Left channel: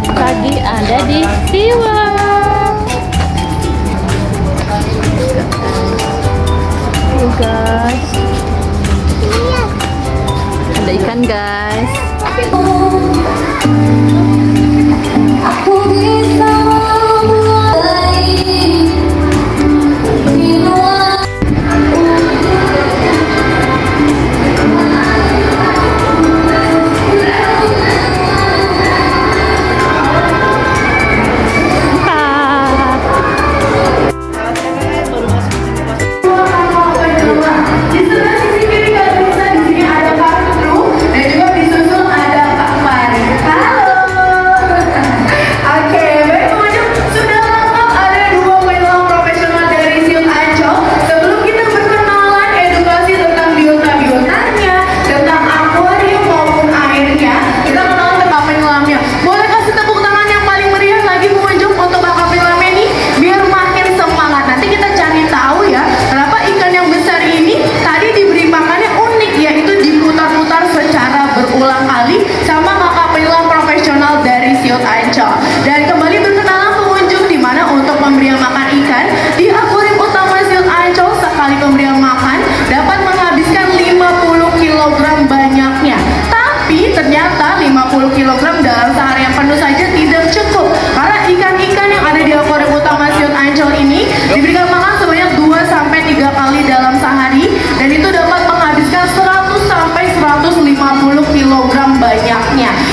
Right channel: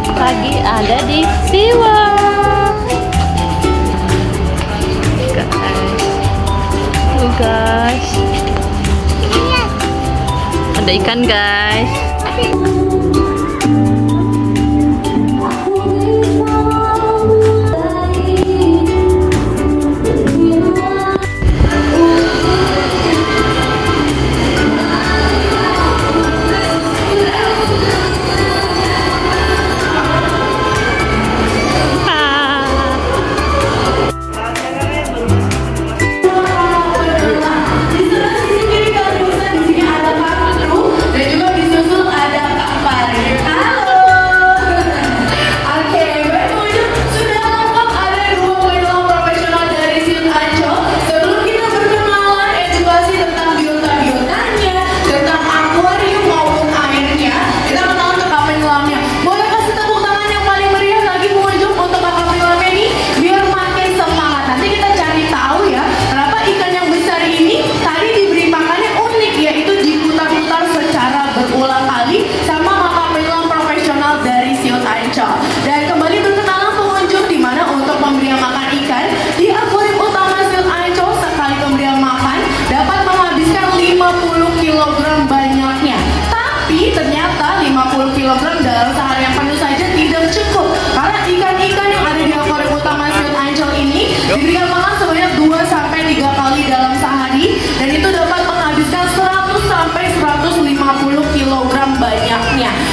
lagi ada di SeaWorld. Guys, ada ikan guys.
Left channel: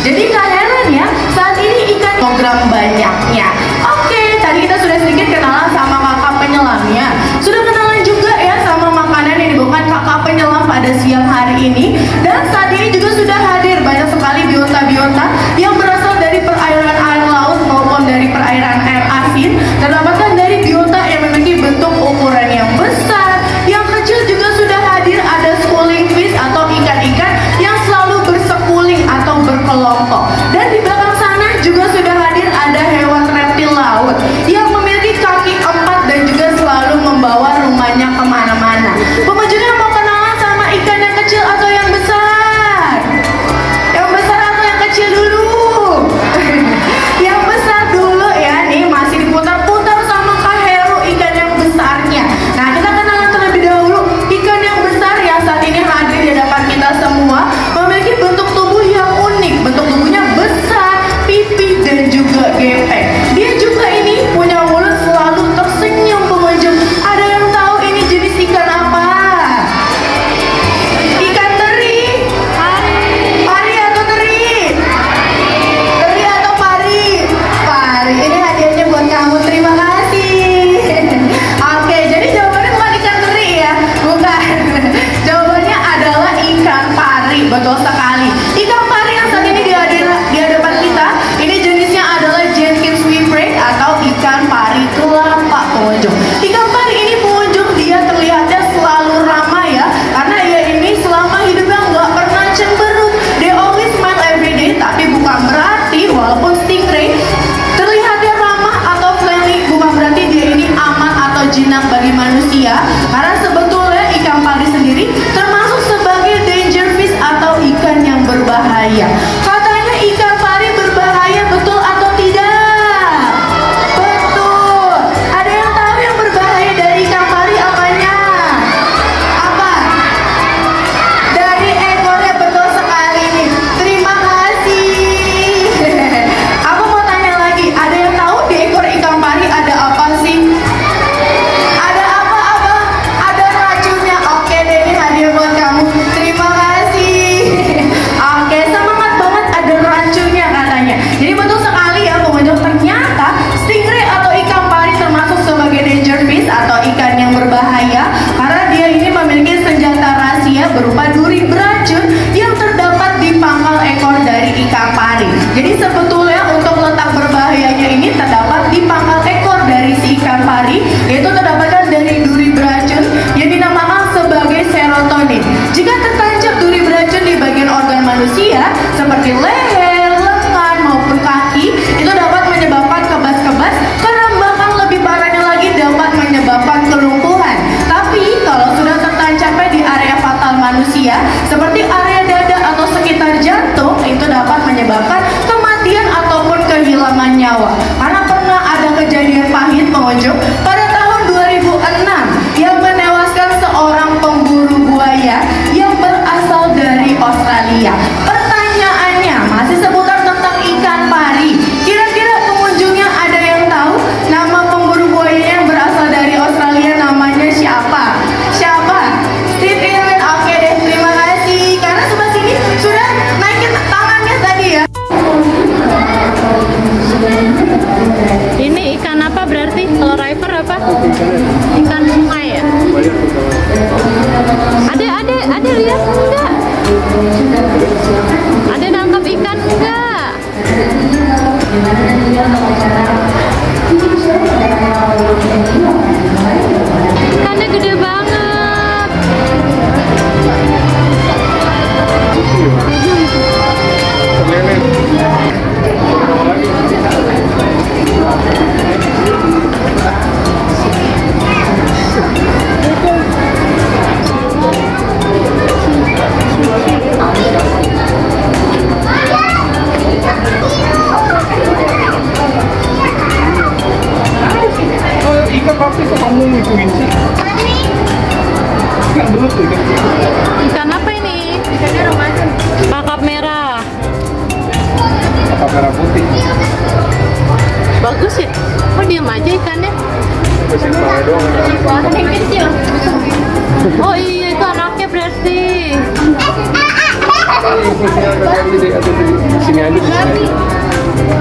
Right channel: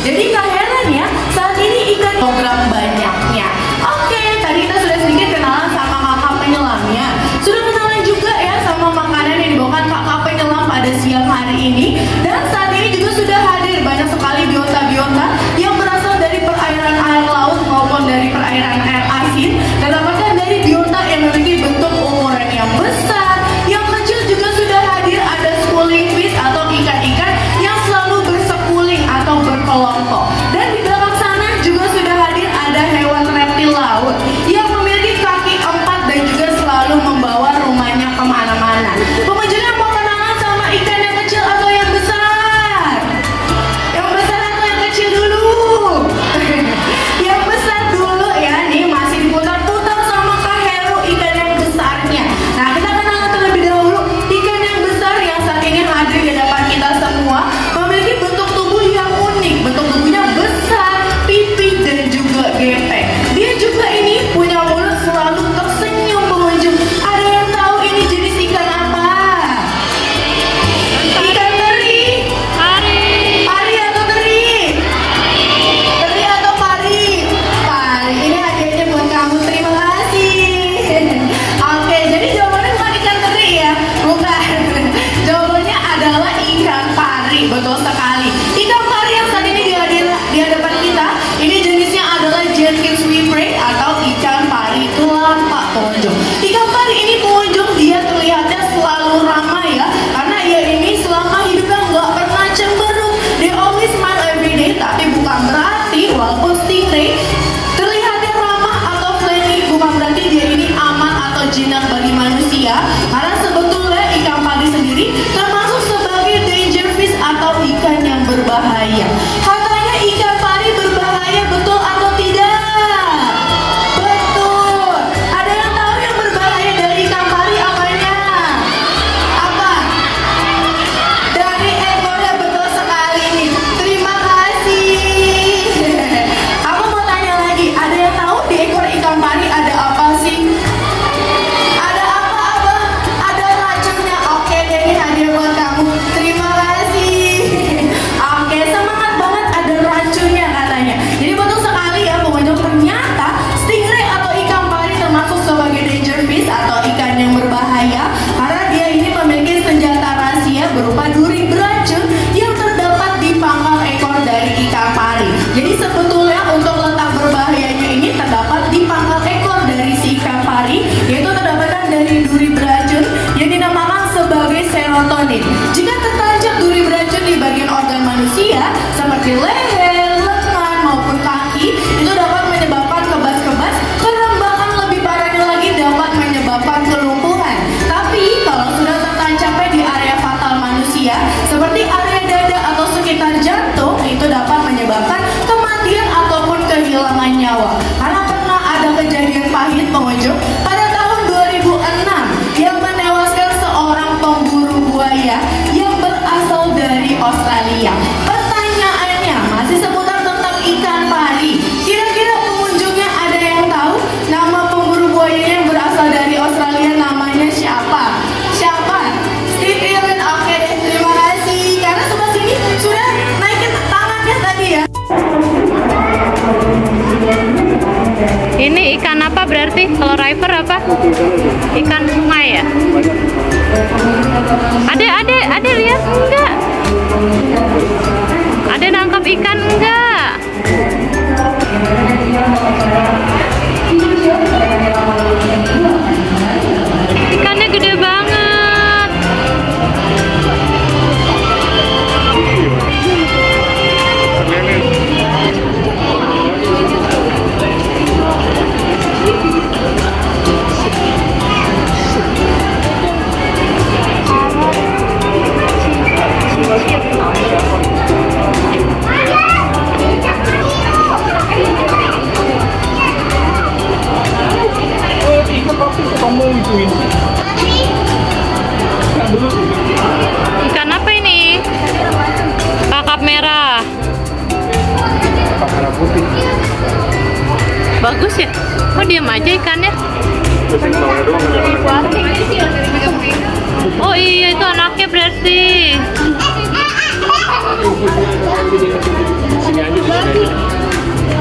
Jadi gak heran ya, saat ini ikan kilogram banyaknya. Oke, tadi kita sudah sedikit kenalan sama kakak penyelamnya. Sudah kenalan juga ya sama makanan yang dibawakan kakak penyelam pada siang hari ini. Dan saat ini juga sudah hadir banyak sekali biota-biota yang berasal dari perairan air laut maupun dari perairan air asin. Dan dapatkan dari biota yang memiliki bentuk ukuran yang besar, yang kecil juga sudah hadir. Ada schooling fish atau ikan-ikan yang selalu bersekuling atau berkelompok. Dan di belakang sana juga sudah hadir ada hewan reptil laut yang memiliki kaki 4 dan juga selalu membawa rumahnya kemana-mana. Pengunjungnya mau kenalan sama ikan yang kecil atau yang besar? Yang besar atau yang kecil dulu? Yang besar dulu ya, nih masih diputar-putar sama Kak Heru ikan yang besarnya. Nah, kita kenalan terlebih dahulu ikan yang besar yang saat ini hadir di hadapan kita semua. Memiliki bentuk tubuh yang unik, bentuk tubuhnya besar, pipi dan juga gepeng. Dia juga ini punya mulut selalu tersenyum pengunjung. Ada yang tahu ini jenis ikan apa? Ikan teri? Pari. Pari atau teri? Teri atau pari? Pari. Ini hadiahnya buat kamu. Terima kasih. Oke, jadi jawabannya bukan ikan teri ya? Bukan. Jawabannya adalah ikan pari. Betul sekali. Ikan pari yang saat ini di hadapan kita, ini jenisnya adalah Jenkins Whipwreck atau ikan pari tulampak pengunjung. Ikan pari ini pengunjung dia terlihatnya selalu ramah ya, karena ia ini selama hidupnya nggak pernah cemberut. They always smile every day, tapi bukan berarti walaupun stingray terlihatnya ramah atau friendly, bukan berarti dia ini aman atau jinak bagi manusia. Karena sebetulnya ikan pari sendiri termasuk sebagai danger fish atau ikan yang berbahaya. Katanya ikan pari berbahaya, betul atau tidak? Betul. Ada yang tahu yang berbahaya dari ikan pari apanya? Apa? Dari ekornya, betul sekali nih. Terima kasih. Aku mau tanya lagi, ada yang tahu di ekor ikan pari ada apa sih? Ada apa-apa? Ikan apa ini? Kakap merah. Kakap merah putih. Bagus ya? Kok diam aja ikannya? Oh iya, itu anaknya berarti. Sini aja di sini.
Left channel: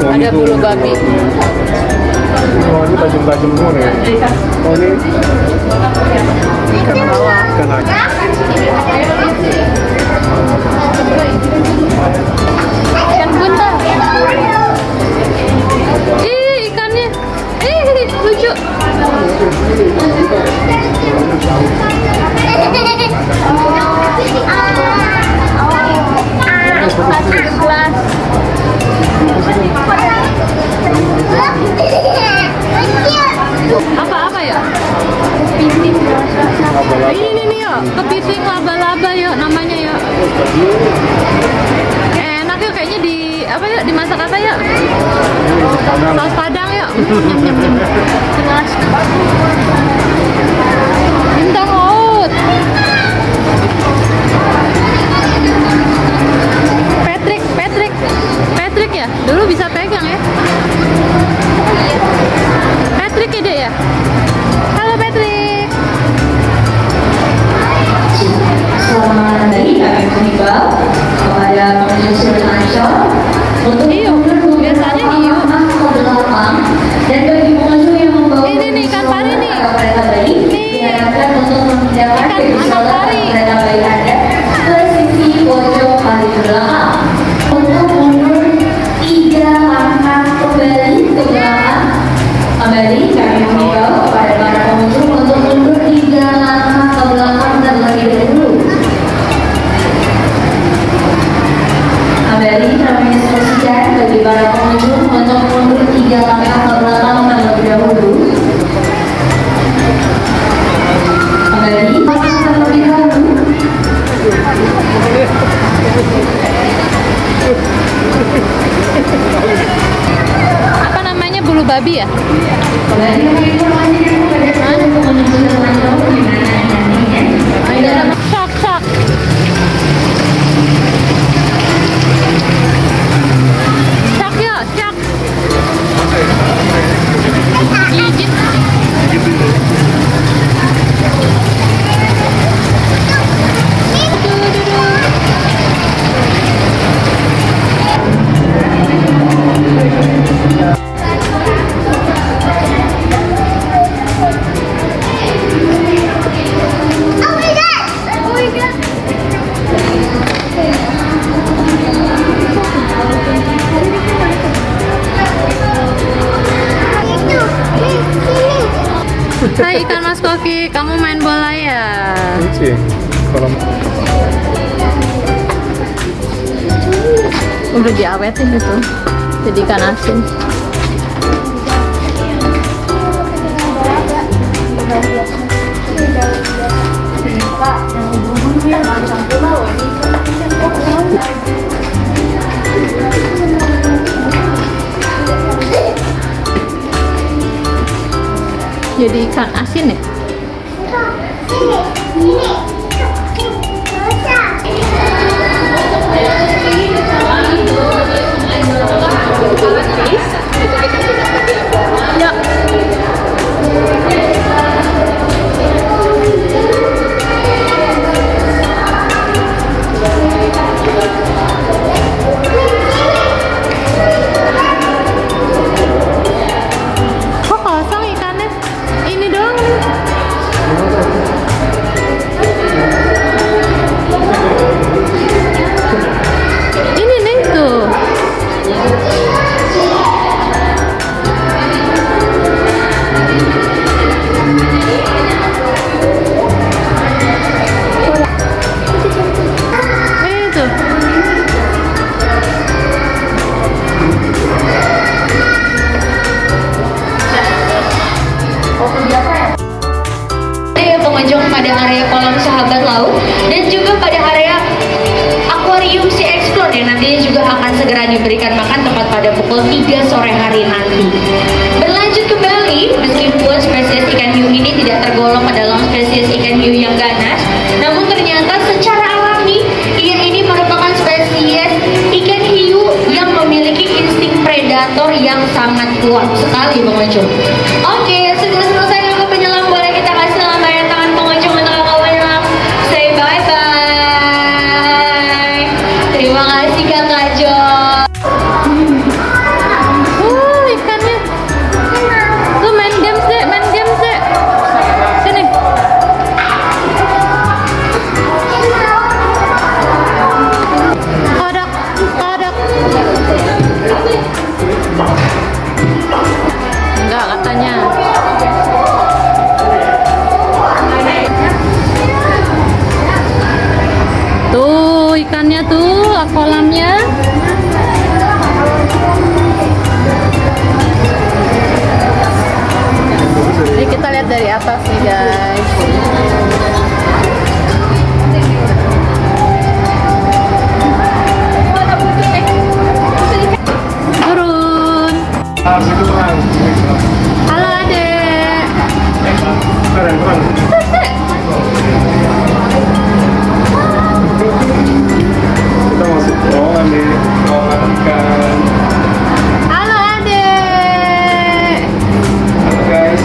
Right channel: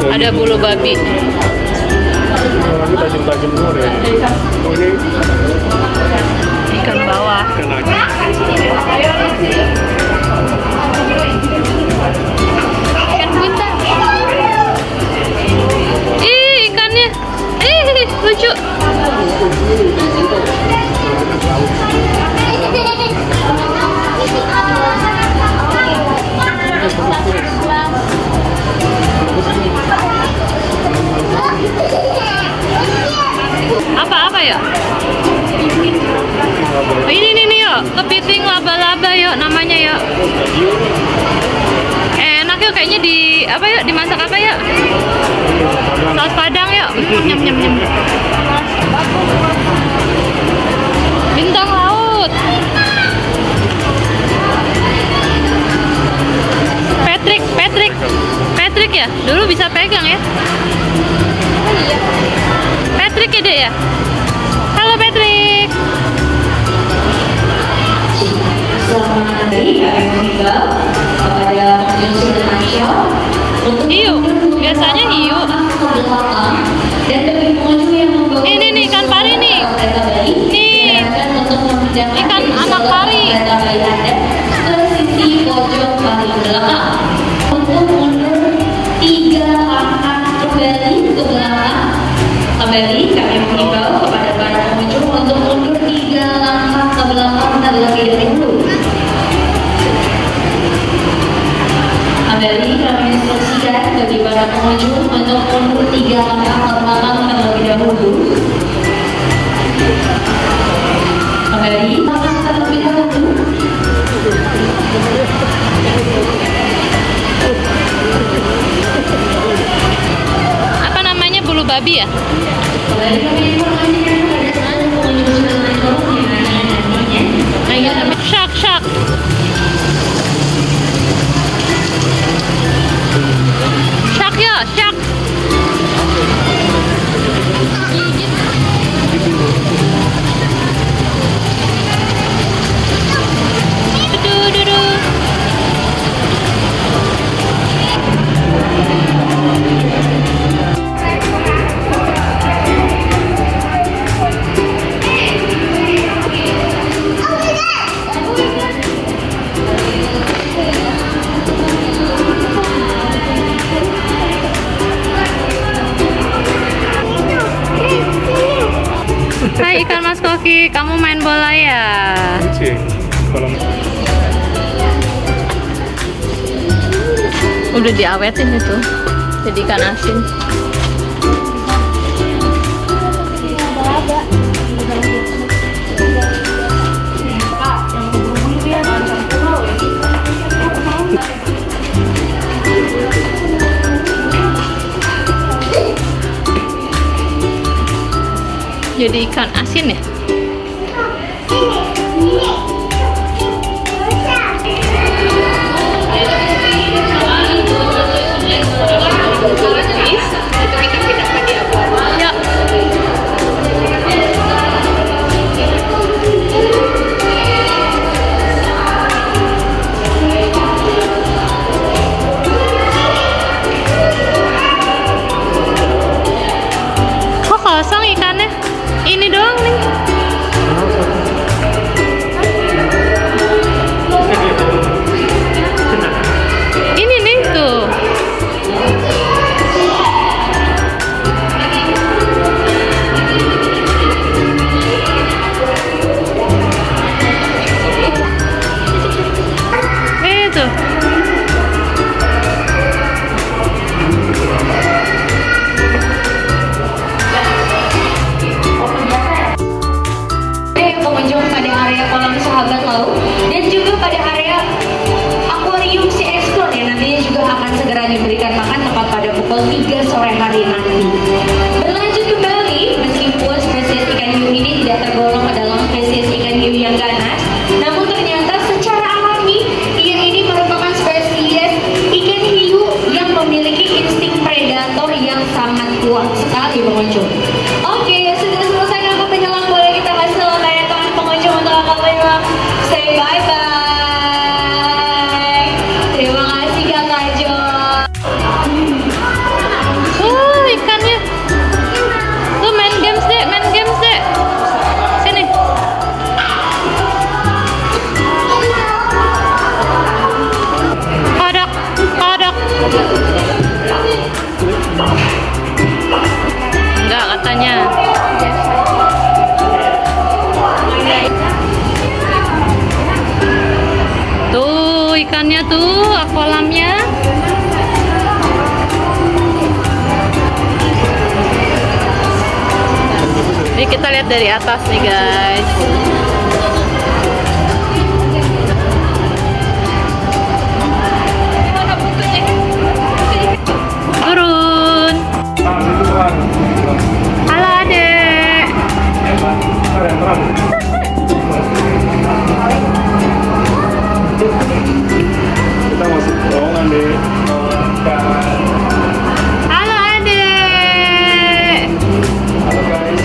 Ada bulu babi. Oh, ini tajam-tajam semua ya. Oh, ini Ikan bawah. ikan lagi. Ikan buntal. Ih, ikannya. Ih, lucu. Apa ya? Oh, ini nih yuk, kepiting laba-laba yuk namanya yuk. Enak yuk kayaknya di apa yuk, dimasak apa yuk? Saus padang yuk. Nyam nyam nyam. Bintang laut. Patrick ya? Dulu bisa pegang ya? Patrick ya, Dek ya? Halo Patrick. Selamat pagi, kami mengimbau kepada pengunjung Sudirmansyah untuk Hiu, biasanya hiu. ke belakang dan bagi pengunjung yang membawa Ini nih ikan pari nih. kereta bayi, Nih. diharapkan untuk memindahkan Ikan anak pari. kereta bayi Anda ke sisi pojok paling belakang. Untuk mundur 3 langkah kembali ke belakang. Kembali kami mengimbau kepada para pengunjung untuk mundur 3 langkah ke belakang terlebih dahulu. Kembali kami instruksikan bagi para pengunjung untuk mundur 3 langkah ke belakang terlebih dahulu. Kembali terlebih dahulu. Apa namanya, bulu babi ya? Kembali kami informasikan kepada seluruh pengunjung termasuk di mana nantinya. Ayo, shark, shark. Shark ya, shark. Dudu. Hai ikan mas Koki, kamu main bola ya? Lucu ya. Kolam. Udah diawetin itu, jadi ikan asin. Jadi ikan asin ya? Kok kosong ikannya? Ini doang nih. Ini nih tuh. Tuh. Pengunjung pada area kolam sahabat laut dan juga pada area akuarium Sea Explore yang nantinya juga akan segera diberikan makan tepat pada pukul 3 sore hari nanti. Berlanjut kembali, meskipun spesies ikan hiu ini tidak tergolong ikannya tuh, kolamnya. Ini kita lihat dari atas nih guys. Turun. Halo adek. Kita masuk terowongan di terowongan ikan. Halo adek. Halo guys.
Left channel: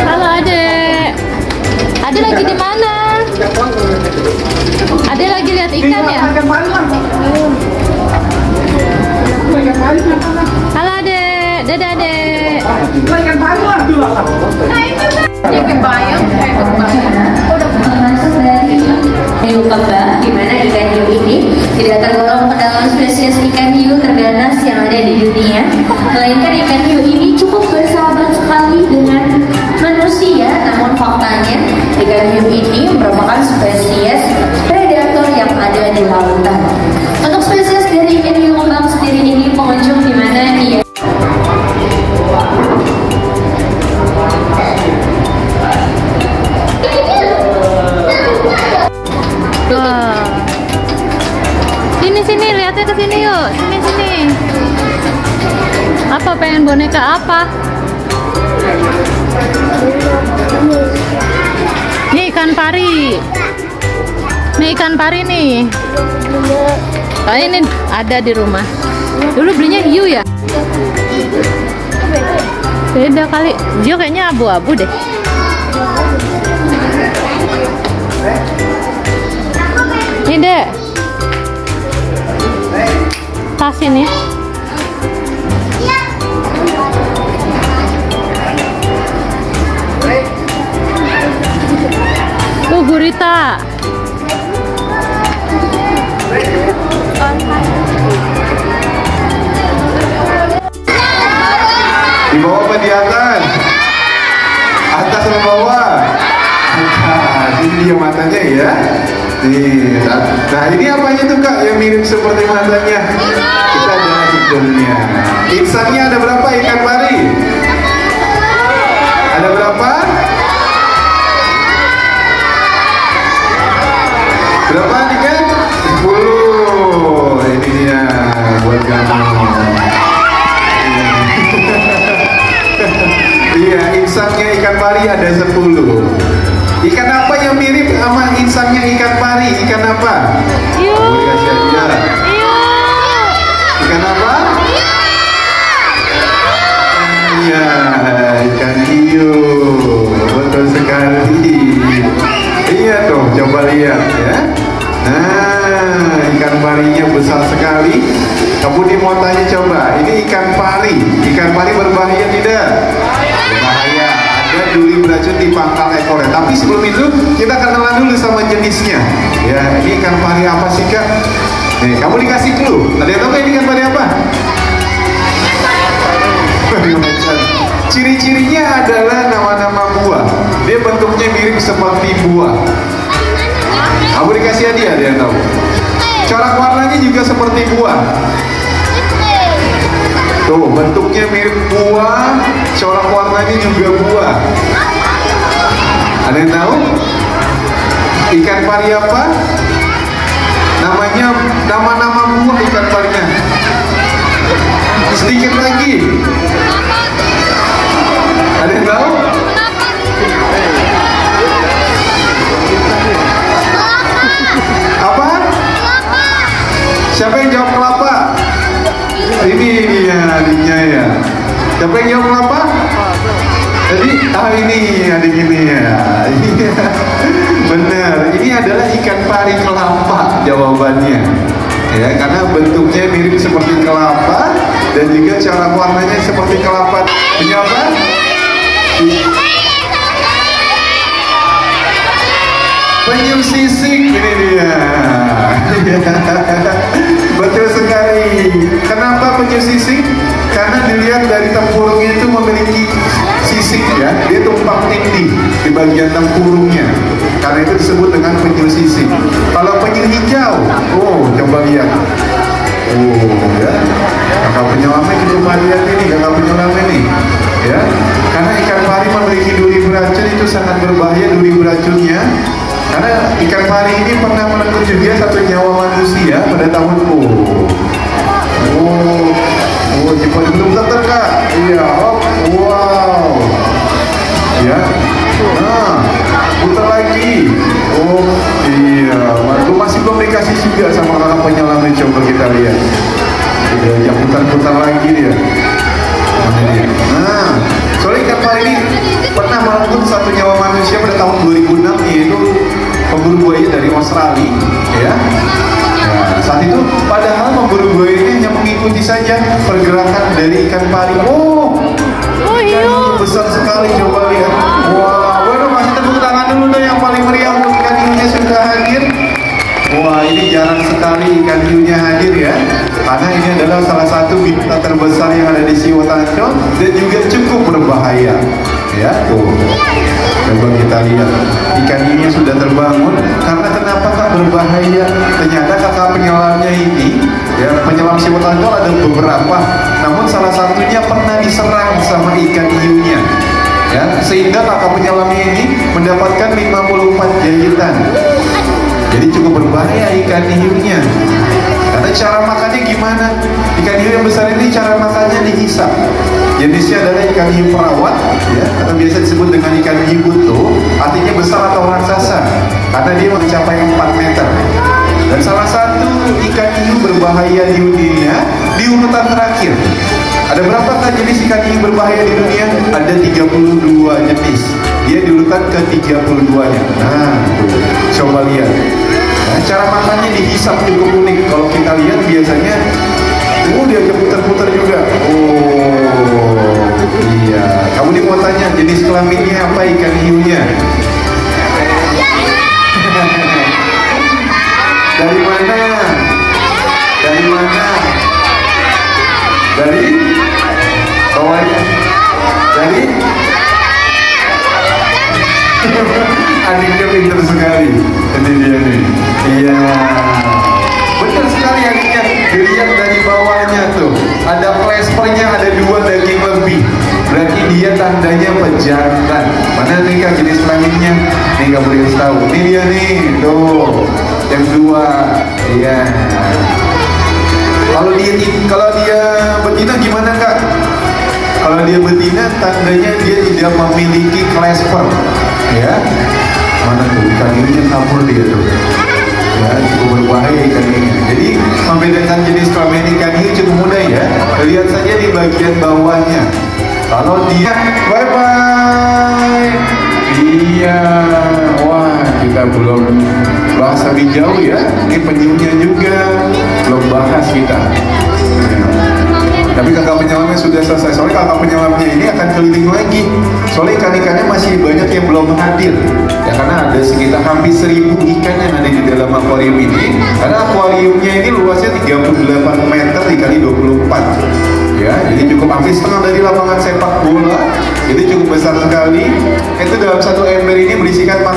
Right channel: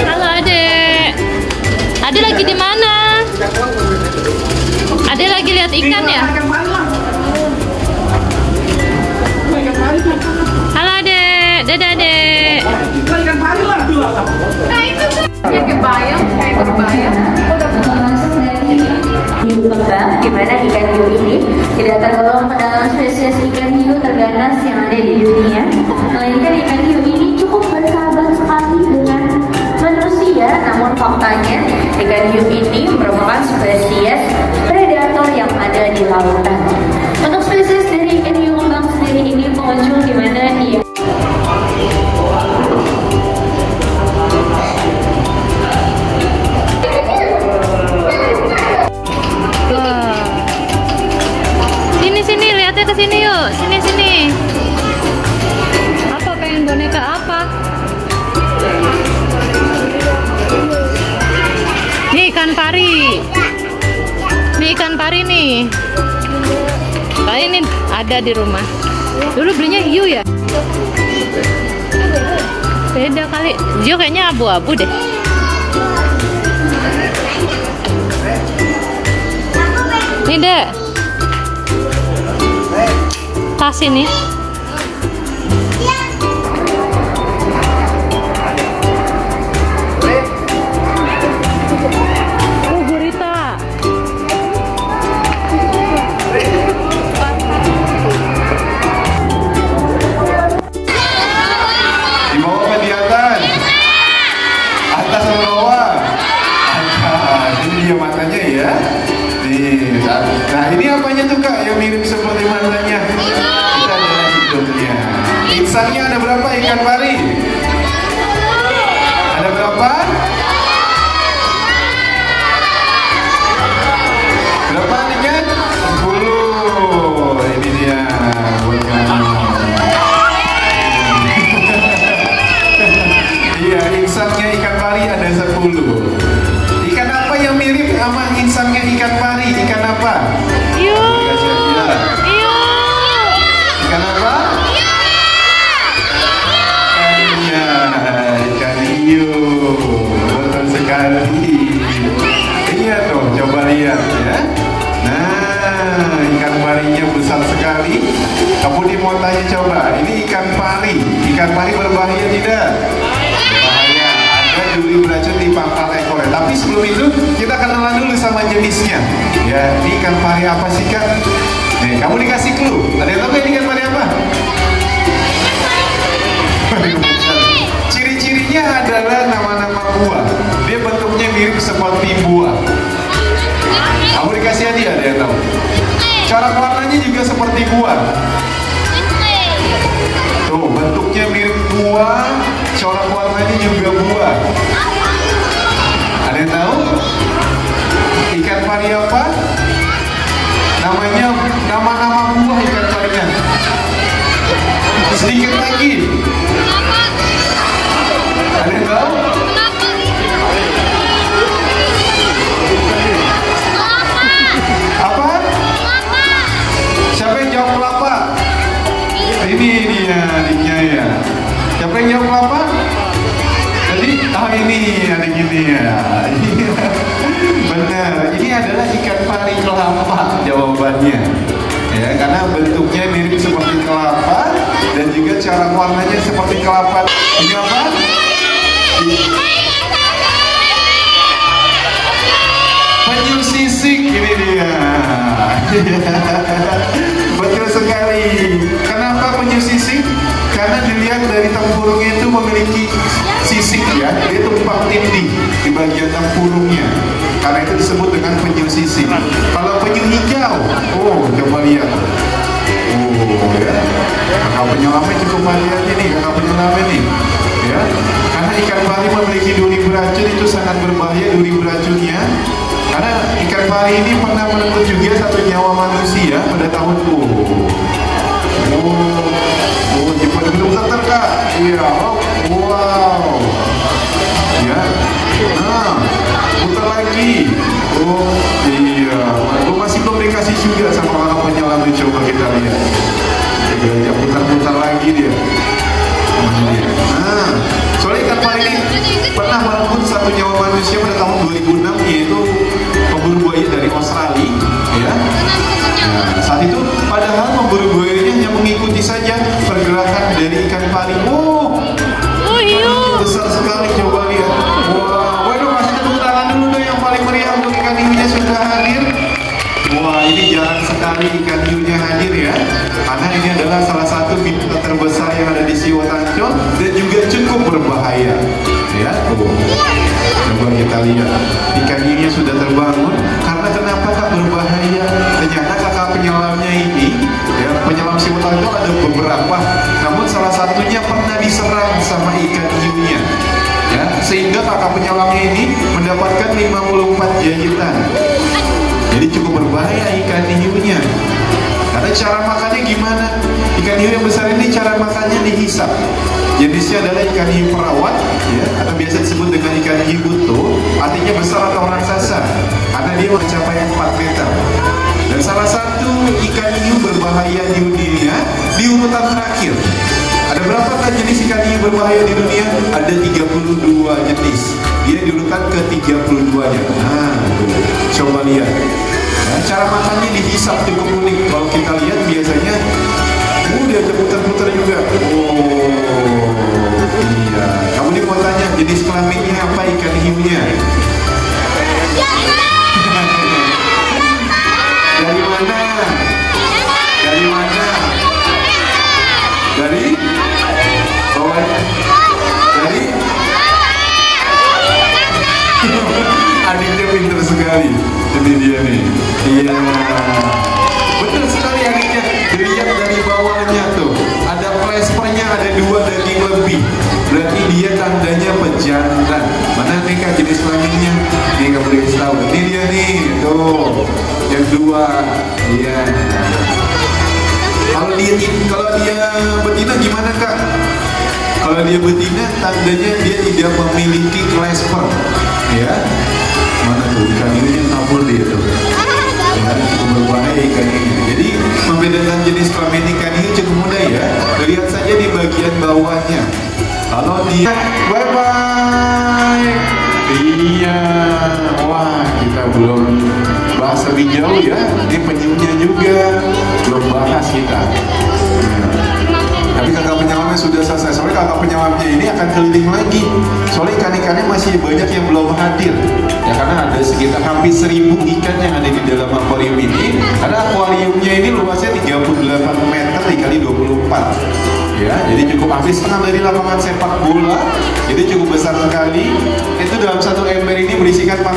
Halo adek. Adek lagi di mana? Adek lagi lihat ikan ya? Halo adek. Dadah adek. Dimana ikan hiu ini tidak tergolong ke dalam spesies ikan hiu terganas yang ada di dunia, melainkan ikan hiu ini cukup bersahabat sekali dengan manusia. Namun faktanya ikan hiu ini merupakan spesies predator yang ada di lautan. Untuk spesies dari ikan hiu kembang sendiri ini pengunjung di mana dia Sini lihatnya ke sini yuk. Sini. Apa pengen boneka apa? Nih ikan pari. Nih ikan pari nih. Kali ini ada di rumah. Dulu belinya hiu ya? Beda kali. Hiu kayaknya abu-abu deh. Nih dek. Tas ini. Gurita. Di bawah apa di atas? Atas dan bawah. Ini dia matanya ya. Nih, nah ini apanya tuh kak yang mirip seperti matanya? Kita ada hidungnya. Insangnya ada berapa ikan pari? Ada berapa? Berapa nih kan? 10. Ini dia buat kamu. Iya, insangnya ikan pari ada 10. Ikan apa yang mirip sama insangnya ikan pari? Ikan apa? Hiu. Hiu. Ikan apa? Iya, ikan hiu. Betul sekali. Iya dong, coba lihat ya. Nah, ikan parinya besar sekali. Kemudian mau tanya coba, ini ikan pari. Ikan pari berbahaya tidak? Berbahaya. Ada duri beracun di pangkal ekornya. Tapi sebelum itu kita kenalan dulu sama jenisnya. Ya, ini ikan pari apa sih kak? Nih, kamu dikasih clue. Ada yang tahu ini ikan pari apa? Ciri-cirinya adalah nama-nama buah. Dia bentuknya mirip seperti buah. Kamu dikasih hadiah, ada yang tahu? Corak warnanya juga seperti buah. Tuh, bentuknya mirip buah, corak warnanya juga buah. Ada yang tahu? Ikan pari apa? Namanya, nama-nama buah ikan ya, karena bentuknya mirip seperti kelapa dan juga cara warnanya seperti kelapa. Ini apa? Penyu sisik, ini dia. Betul sekali. Kenapa penyu sisik? Karena dilihat dari tempurungnya itu memiliki sisik ya, dia tumpang tindih di bagian tempurungnya. Karena itu disebut dengan penyu sisik. Kalau penyu hijau, oh coba lihat. Oh ya, kakak penyelam cukup lihat ini, kakak penyelam ini. Ya, karena ikan pari memiliki duri beracun, itu sangat berbahaya duri beracunnya. Karena ikan pari ini pernah menenggut juga satu nyawa manusia pada tahun belum terdekat. Iya, wow. Ya, nah, putar lagi. Oh, iya. Waktu masih belum dikasih juga sama para penyelam, coba kita lihat. Ya, putar-putar lagi dia. Nah, soalnya ikan pari ini pernah merenggut satu nyawa manusia pada tahun 2006, yaitu pemburu buaya dari Australia, ya. Nah, saat itu padahal pemburu buayanya hanya mengikuti saja pergerakan dari ikan pari. Oh iya, besar sekali, coba lihat. Wah, waduh, kasih tepuk tangan dulu deh yang paling meriah, ikan hiunya sudah hadir. Wah, ini jarang sekali ikan hiunya hadir ya, karena ini adalah salah satu biota terbesar yang ada di Siwo Tancol dan juga cukup berbahaya. Ya, tuh. Coba kita lihat, ikan hiunya sudah terbangun. Karena kenapa berbahaya? Ternyata kakak penyelamnya ini, ya, penyelam Siwo Tancol ada beberapa, namun salah satunya pernah diserang sama ikan hiunya. Ya, sehingga kakak penyelamnya ini mendapatkan 54 jahitan. Jadi cukup berbahaya ikan hiunya. Karena cara makannya gimana? Ikan hiu yang besar ini cara makannya dihisap. Jenisnya adalah ikan hiu perawat, ya, atau biasa disebut dengan ikan hiu buto, artinya besar atau raksasa, karena dia mencapai 4 meter. Dan salah satu ikan hiu berbahaya di dunia di urutan terakhir. Ada berapakah jenis ikan hiu berbahaya di dunia? Ada 32 jenis. Dia di urutan ke-32-nya. Nah, coba lihat. Nah, cara makannya dihisap cukup unik. Kalau kita lihat biasanya, dia putar-putar juga. Oh, iya. Kamu dia mau tanya jenis kelaminnya apa ikan hiunya? Dari mana? Dari mana? Dari? Bawahnya? Dari? Adiknya pintar sekali. Ini dia nih. Iya. Benar sekali adiknya. Dilihat dari bawahnya tuh. Ada plaspernya, ada 2 daging lebih. Berarti dia tandanya pejantan. Mana nih kak jenis kelaminnya? Nih kamu boleh tahu. Ini dia nih. Tuh. Yang 2. Iya. Kalau dia betina gimana kak? Kalau dia betina tandanya dia tidak memiliki clasper. Ya. Mana tuh ikan hiunya campur dia tuh. Ya, cukup berbahaya ikan ini. Jadi membedakan jenis kelamin ikan hiu cukup mudah ya. Lihat saja di bagian bawahnya. Kalau dia bye bye. Iya. Wah, kita belum bahas lebih jauh ya. Ini penyunya juga belum bahas kita. Tapi kakak penyelamnya sudah selesai. Soalnya kakak penyelamnya ini akan keliling lagi. Soalnya ikan-ikannya masih banyak yang belum hadir. Ya karena ada sekitar hampir 1000 ikan yang ada di dalam akuarium ini. Karena akuariumnya ini luasnya 38 meter dikali 24. Ya, jadi cukup hampir setengah dari lapangan sepak bola. Itu cukup besar sekali. Itu dalam satu ember ini berisikan 400